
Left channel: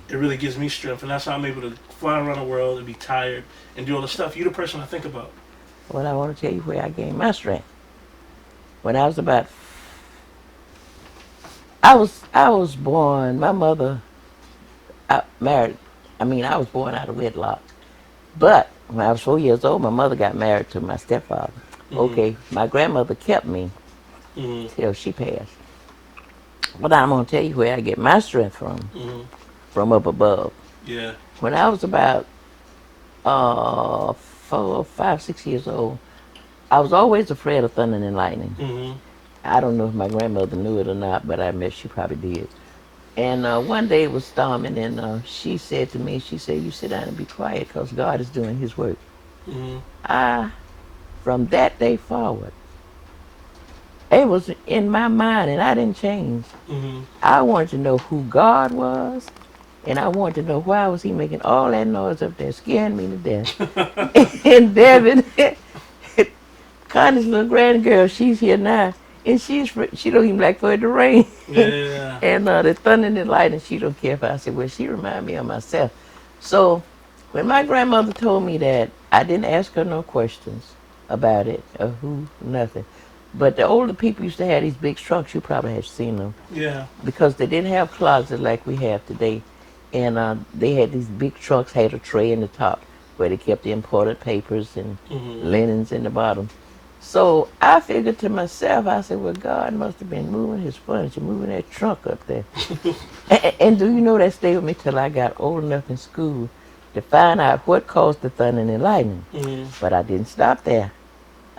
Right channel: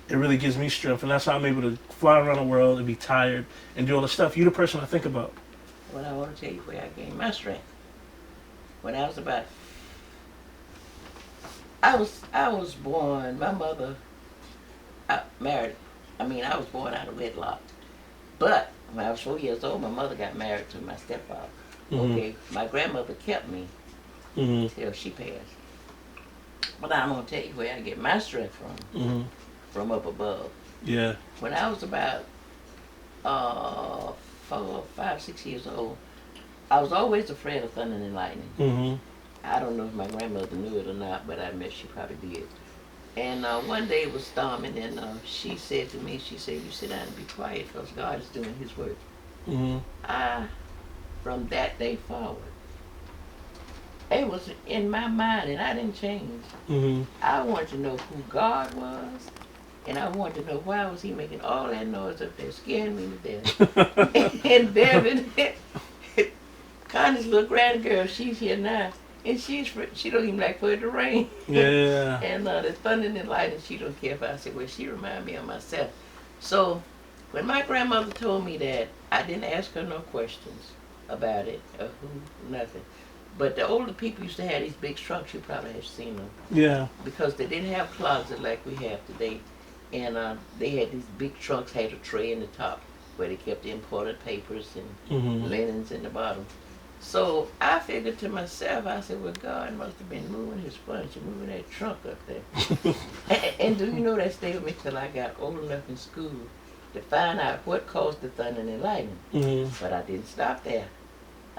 it really gives me strength. And that's how I'm able to fly around the world and be tired and do all the stuff. You're the person I think about. Well, I want to tell you where I gained my strength. When I was about, I was born, my mother married, I was born out of wedlock. But when I was 4 years old, my mother got married to my stepfather. Okay, my grandmother kept me till she passed. But I'm going to tell you where I get my strength from up above. Yeah. When I was about 4, 5, 6 years old, I was always afraid of thunder and lightning. I don't know if my grandmother knew it or not, but I bet she probably did. And one day it was storming, and she said to me, she said, "You sit down and be quiet, because God is doing his work." From that day forward, it was in my mind, and I didn't change. I wanted to know who God was, and I wanted to know why was he making all that noise up there, scaring me to death. And Devin, Connie's little grandgirl, she's here now. And she don't even like for it to rain. Yeah. And the thunder and the lightning, she don't care if I say, well, she remind me of myself. So when my grandmother told me that, I didn't ask her no questions about it or who, nothing. But the older people used to have these big trucks. You probably have seen them. Yeah. Because they didn't have closets like we have today. And they had these big trucks, had a tray in the top where they kept the imported papers and linens in the bottom. So I figured to myself, I said, well, God must have been moving his furniture, moving that trunk up there. And do you know that stayed with me till I got old enough in school to find out what caused the thunder and the lightning. Mm-hmm. But I didn't stop there.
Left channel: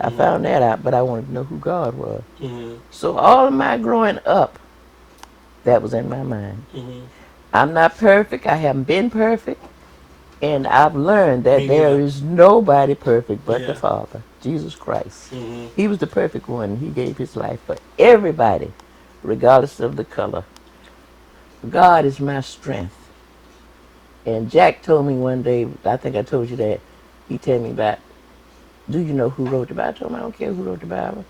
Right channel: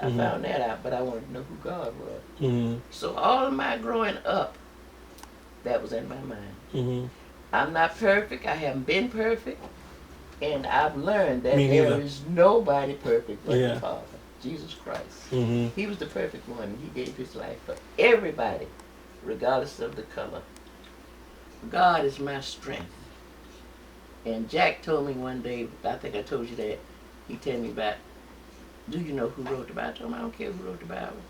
I Mhm. found that out, but I wanted to know who God was. Mm-hmm. So all of my growing up, that was in my mind. Mm-hmm. I'm not perfect. I haven't been perfect. And I've learned that Me there neither. is nobody perfect but Yeah. the Father, Jesus Christ. Mm-hmm. He was the perfect one. He gave his life for everybody, regardless of the color. God is my strength. And Jack told me one day, I think I told you that, he told me about, do you know who wrote the Bible? I told him, I don't care who wrote the Bible.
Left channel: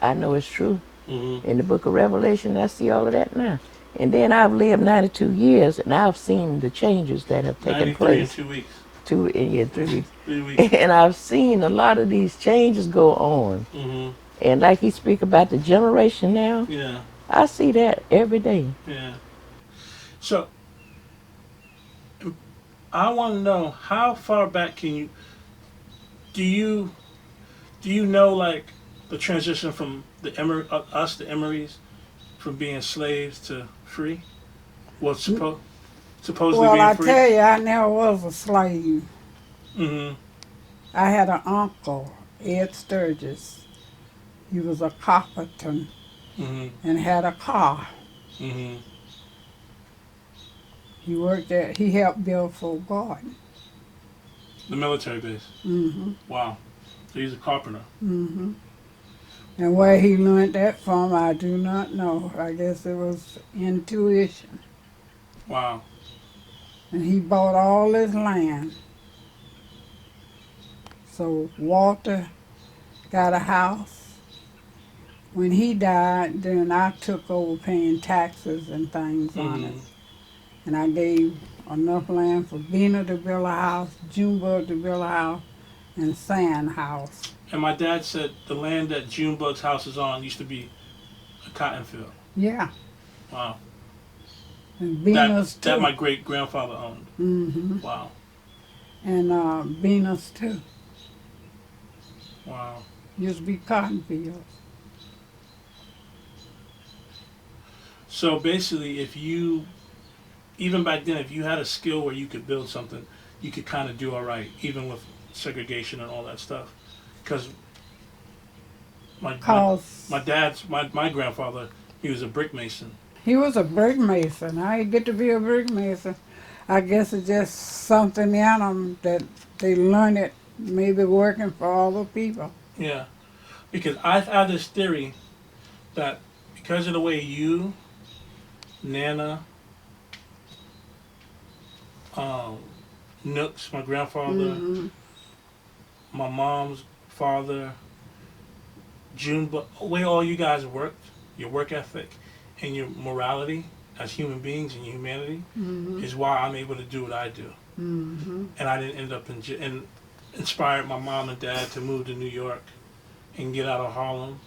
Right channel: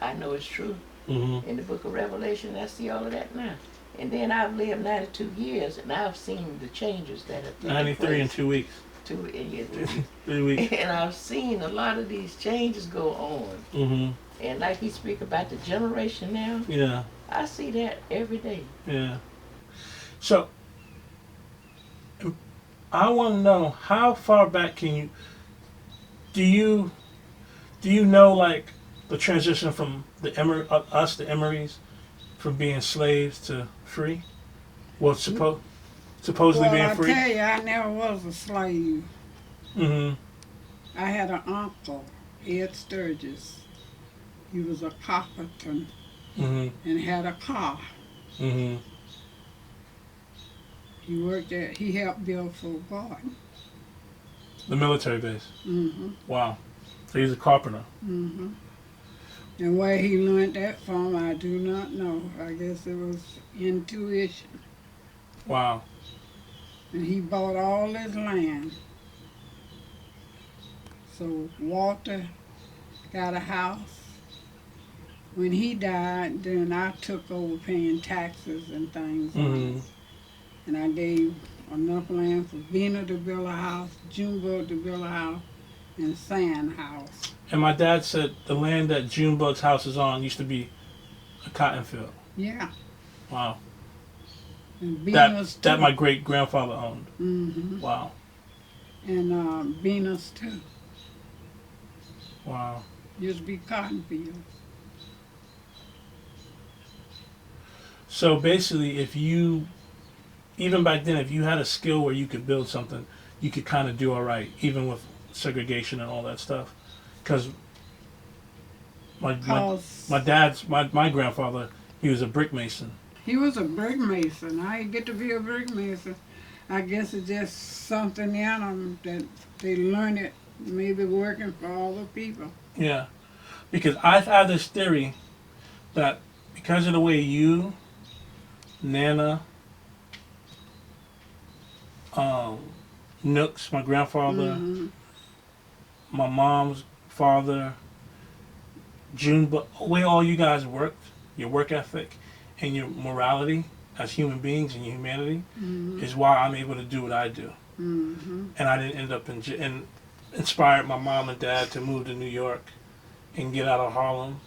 I know it's true. Mm-hmm. In the book of Revelation, I see all of that now. And then I've lived 92 years, and I've seen the changes that have taken 93 place. in 2 weeks. 2 and 3 weeks. 3 weeks. And I've seen a lot of these changes go on. Mm-hmm. And like he speak about the generation now, Yeah. I see that every day. Yeah. So, I want to know how far back can you do you know like the transition from the the Emorys, from being slaves to free? Well, supposedly Well, being I free. tell you, I never was a slave. Mm-hmm. I had an uncle, Ed Sturgis. He was a carpenter Mm-hmm. and had a car. Mm-hmm. He worked at, he helped build Fort Gordon. The military base. Mm-hmm. Wow. So he's a carpenter. Mm-hmm. And where he learned that from, I do not know. I guess it was intuition. Wow. And he bought all his land. So Walter got a house. When he died, then I took over paying taxes and things on Mm-hmm. it. And I gave enough land for Bina to build a house, Junebug to build a house, and Sand House. And my dad said the land that Junebug's house is on used to be a cotton field. Yeah. Wow. And Bina's too. That my great grandfather owned. Mm-hmm. Wow. And Bina's too. Wow. Used to be cotton fields. So basically, even back then, if you had a skill where you could build something, you could kind of do all right, even with segregation and all that stuff. Because my grandfather, he was a brick mason. He was a brick mason. I didn't get to be a brick mason. I guess it's just something in them that they learn it, maybe working for all the people. Yeah. Because I've had this theory that because of the way you, Nana, Nooks, my grandfather, Mm-hmm. my mom's father, Junebug, way all you guys worked, your work ethic and your morality as human beings and your humanity Mm-hmm. is why I'm able to do what I do. Mm-hmm. And I didn't end up and inspired my mom and dad to move to New York and get out of Harlem.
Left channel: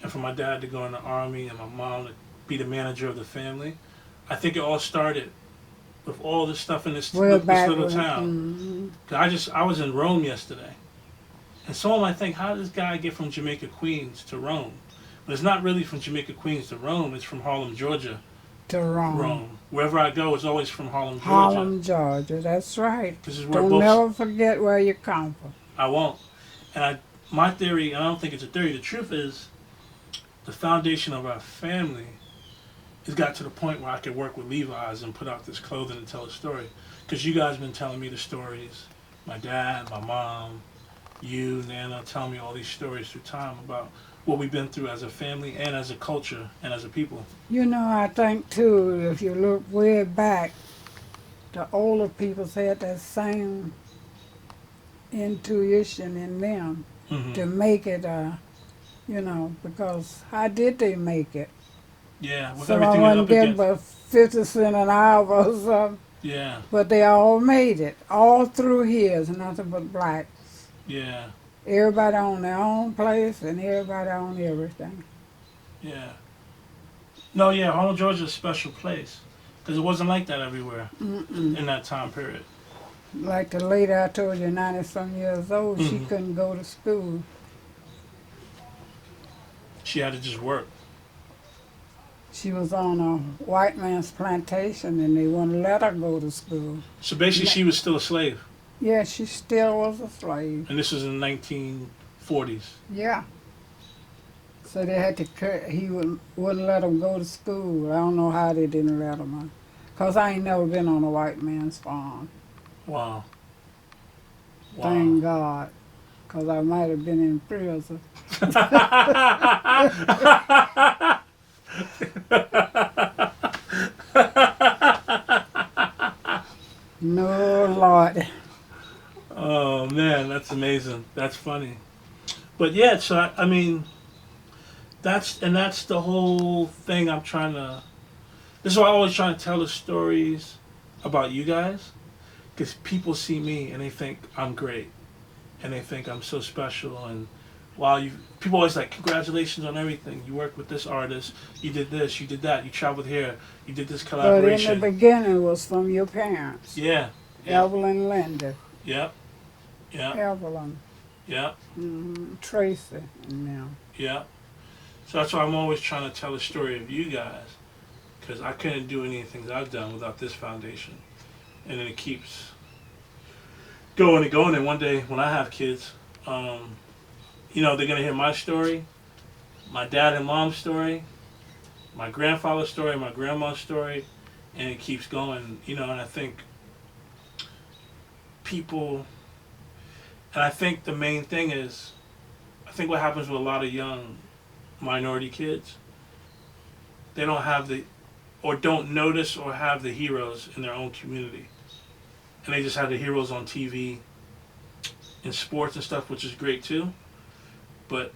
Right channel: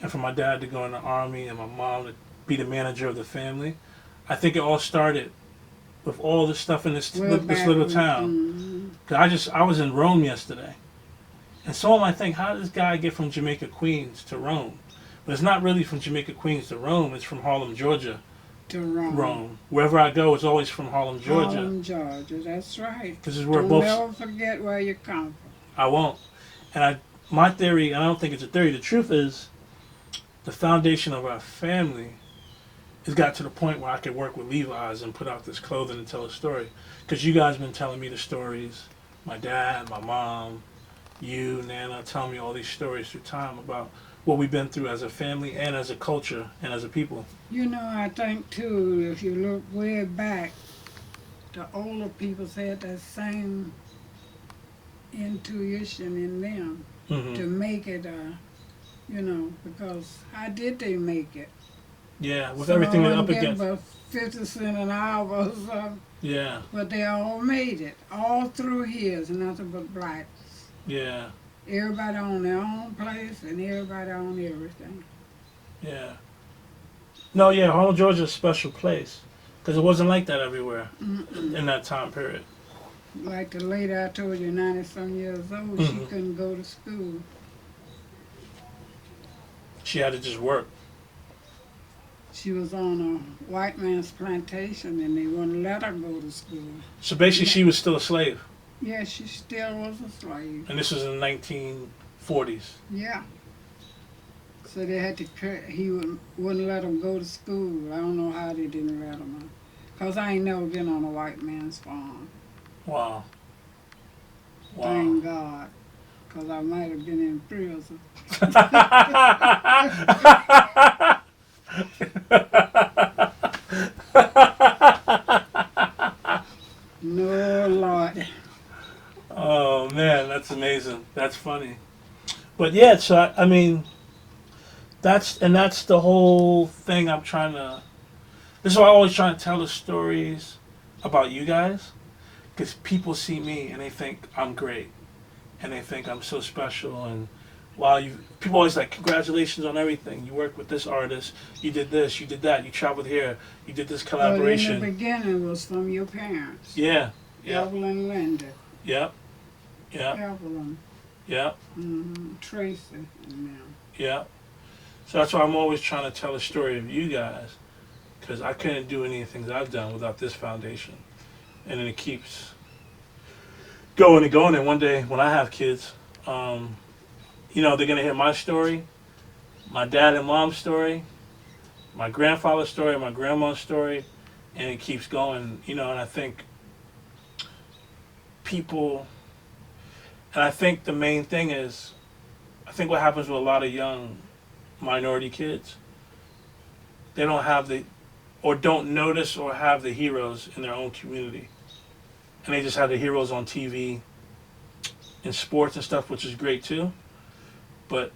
And for my dad to go in the army and my mom to be the manager of the family. I think it all started with all this stuff in this little town. Mm-hmm. Cause I was in Rome yesterday. And someone might think, how did this guy get from Jamaica, Queens to Rome? But it's not really from Jamaica, Queens to Rome. It's from Harlem, Georgia. To Rome. Wherever I go, it's always from Harlem, Georgia. Harlem, Georgia. That's right. This is where Don't never forget where you come from. I won't. And my theory, and I don't think it's a theory, the truth is the foundation of our family has got to the point where I could work with Levi's and put out this clothing and tell a story. Because you guys have been telling me the stories. My dad, my mom, you, Nana, telling me all these stories through time about what we've been through as a family and as a culture and as a people. You know, I think too, if you look way back, the older people had that same intuition in them Mm-hmm. to make it, because how did they make it? Yeah, with Some everything of they're them up get against. about 50 cents an hour or something, Yeah, but they all made it. All through here is nothing but blacks. yeah, Everybody own their own place and everybody own everything. yeah. No, yeah, Harlem, Georgia is a special place. Because it wasn't like that everywhere Mm-mm. in that time period. Like the lady I told you, 90-some years old, she Mhm. couldn't go to school. She had to just work. She was on a white man's plantation and they wouldn't let her go to school. So basically, she was still a slave. Yeah, she still was a slave. And this was in the 1940s. Yeah. So they had to he wouldn't let them go to school. I don't know how they didn't let them. Because I ain't never been on a white man's farm. Wow. Thank God. Because I might have been in prison. No, Lord. Oh, man, that's amazing. That's funny. But yeah, so I mean, that's the whole thing I'm trying to. This is why I always try to tell the stories about you guys, because people see me and they think I'm great, and they think I'm so special. And while people always like, congratulations on everything. You worked with this artist. You did this. You did that. You traveled here. You did this collaboration. But in the beginning, it was from your parents. Yeah. Yeah. Evelyn and Linda. Yep. Yeah. Evelyn. Yeah. Tracy and them. Yeah. So that's why I'm always trying to tell the story of you guys, because I couldn't do any of the things I've done without this foundation. And then it keeps going and going. And one day when I have kids, you know, they're going to hear my story, my dad and mom's story, my grandfather's story, my grandma's story, and it keeps going, you know. And I think people, and I think the main thing is, I think what happens with a lot of young minority kids, they don't have or don't notice or have the heroes in their own community. And they just have the heroes on TV, in sports and stuff, which is great too. But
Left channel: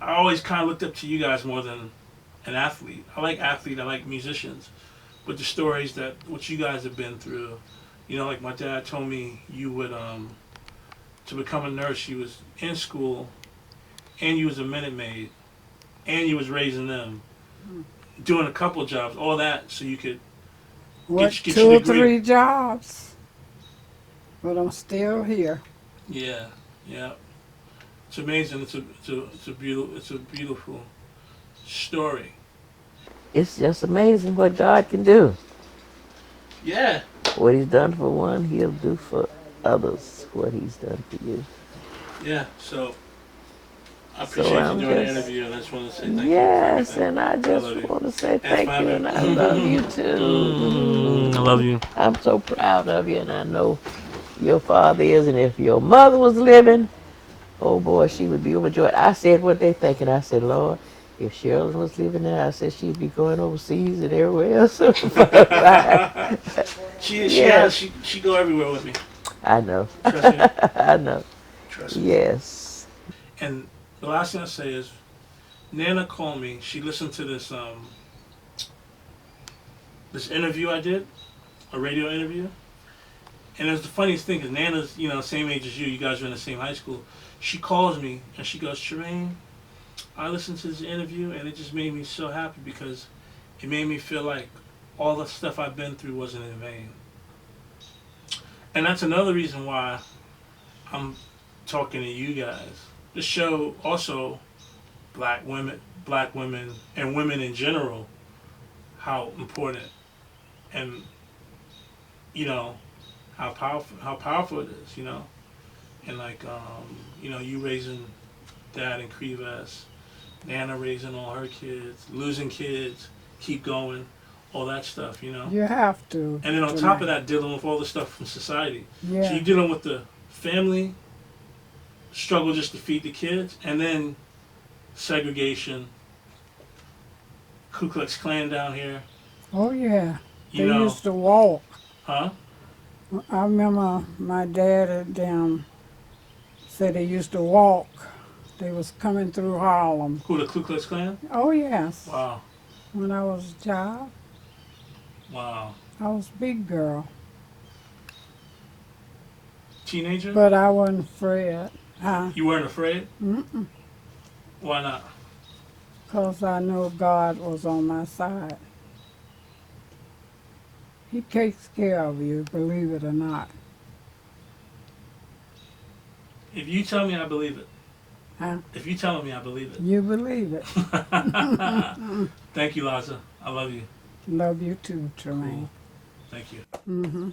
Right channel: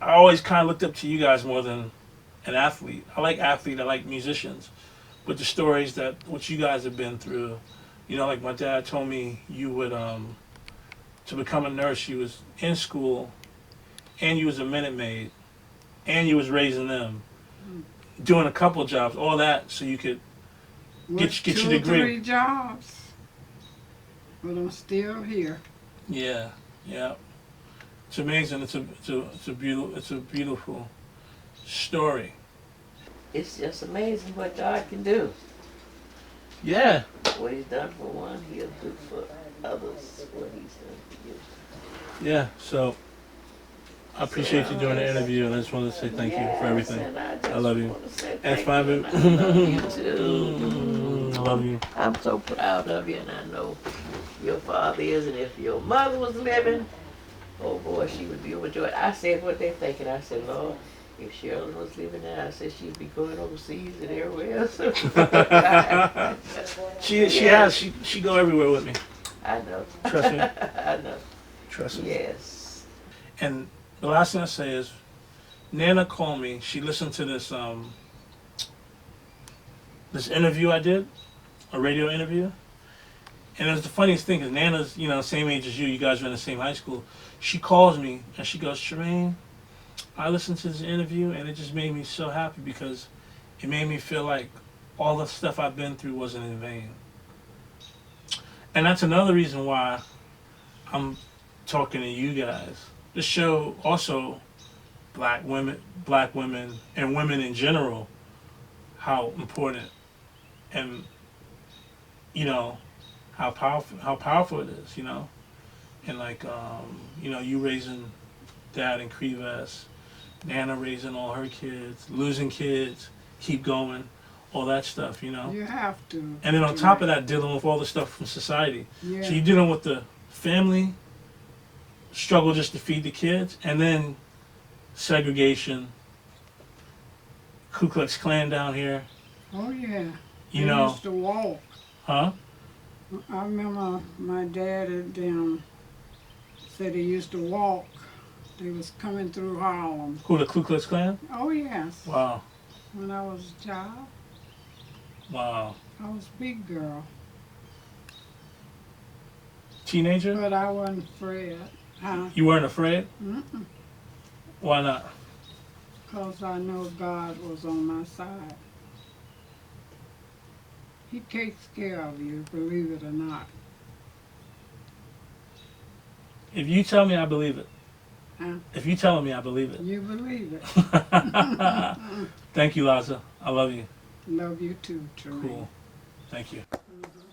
I always kind of looked up to you guys more than an athlete. I like musicians. But the stories what you guys have been through, you know, like my dad told me, you would, to become a nurse, you was in school, and you was a Minute Maid, and you was raising them, doing a couple jobs, all that, so you could get your degree. 2 or 3 jobs. But I'm still here. Yeah, yeah. It's amazing. It's a beautiful story. It's just amazing what God can do. Yeah. What He's done for one, He'll do for others. What He's done for you. Yeah. So I appreciate you doing the interview, and I just want to say thank you for Yes, everything. and I just want to say thank you, And and I love you too. I love you. I'm so proud of you, and I know your father is, and if your mother was living, oh boy, she would be overjoyed. I said what they thinking. I said, Lord, if Shirley was living there, I said she'd be going overseas and everywhere else. She go everywhere with me. I know. Trust me. I know. Trust me. Yes. And the last thing I say is, Nana called me. She listened to this this interview I did, a radio interview. And it was the funniest thing, because Nana's, you know, same age as you. You guys are in the same high school. She calls me and she goes, Tremaine, I listened to this interview and it just made me so happy, because it made me feel like all the stuff I've been through wasn't in vain. And that's another reason why I'm talking to you guys. To show also black women, and women in general, how important and, you know, how powerful it is, you know. And like, you know, you raising Dad in Crevas, Nana raising all her kids, losing kids, keep going, all that stuff, you know. You have to. And then on top of that, dealing with all the stuff from society. Yeah. So you're dealing with the family struggle just to feed the kids, and then segregation, Ku Klux Klan down here. Oh yeah. You They know. used to walk. Huh? I remember my dad and them said they used to walk. They was coming through Harlem. Who, the Ku Klux Klan? Oh yes. Wow. When I was a child, Wow. I was a big girl. Teenager? But I wasn't afraid. You weren't afraid? Mm-mm. Why not? 'Cause I knew God was on my side. He takes care of you, believe it or not. If you tell me, I believe it. Huh? If you telling me, I believe it. You believe it. Thank you, Liza. I love you. Love you too, Tremaine. Cool. Thank you. Mm-hmm.